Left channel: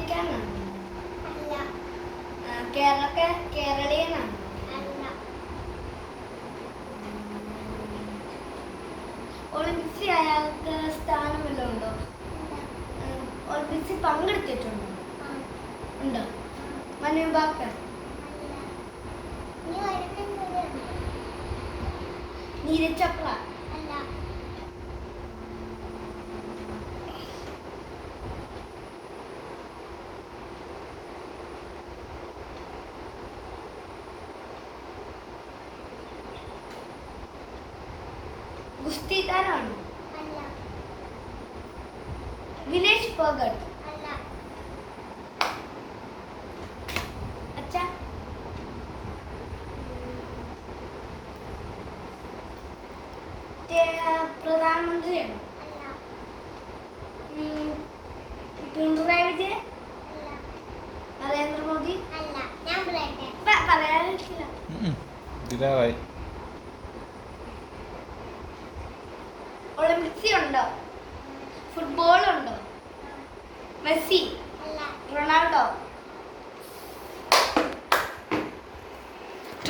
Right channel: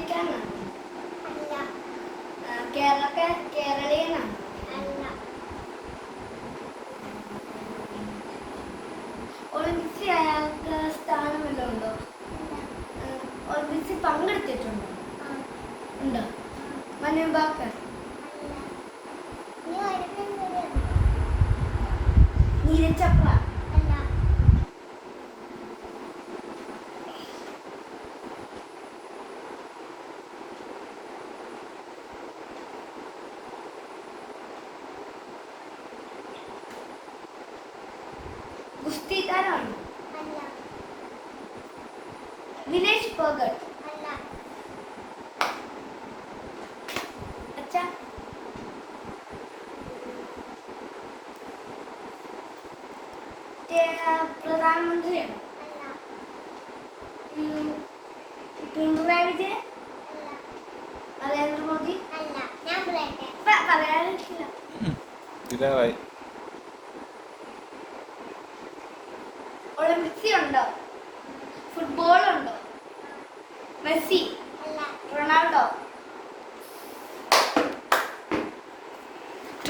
ഇന്ത്യക്കാരനാണ്? അല്ല. കേരളീയനാണ്? അല്ല. ഒളിമ്പിക്സിൽ അയാൾക്ക് സ്ഥാനം വല്ലതും ഉണ്ടോ? ഒളിമ്പിക്സിൽ പങ്കെടുത്തിട്ടുണ്ടോ? ഉണ്ടോ? മനു ഭാക്കർ? നീരജ് ചോപ്ര? അല്ല. ഗുസ്തിക്കാരാണോ? അല്ല. വിനേഷ് ഫോഗട്ട്? അല്ല. അച്ഛാ, പ്രധാനമന്ത്രിയാണോ? അല്ല. പിണറായി വിജയൻ? അല്ല. നരേന്ദ്രമോദി? അല്ല. ഞാൻ പറയട്ടെ. പറയാനില്ല. ഇതായി. ഒളിമ്പിക്സിൽ ഉണ്ടോ? ഫുട്ബോൾ ഉണ്ടോ? മെസ്സി? അല്ല. റൊണാൾഡോ?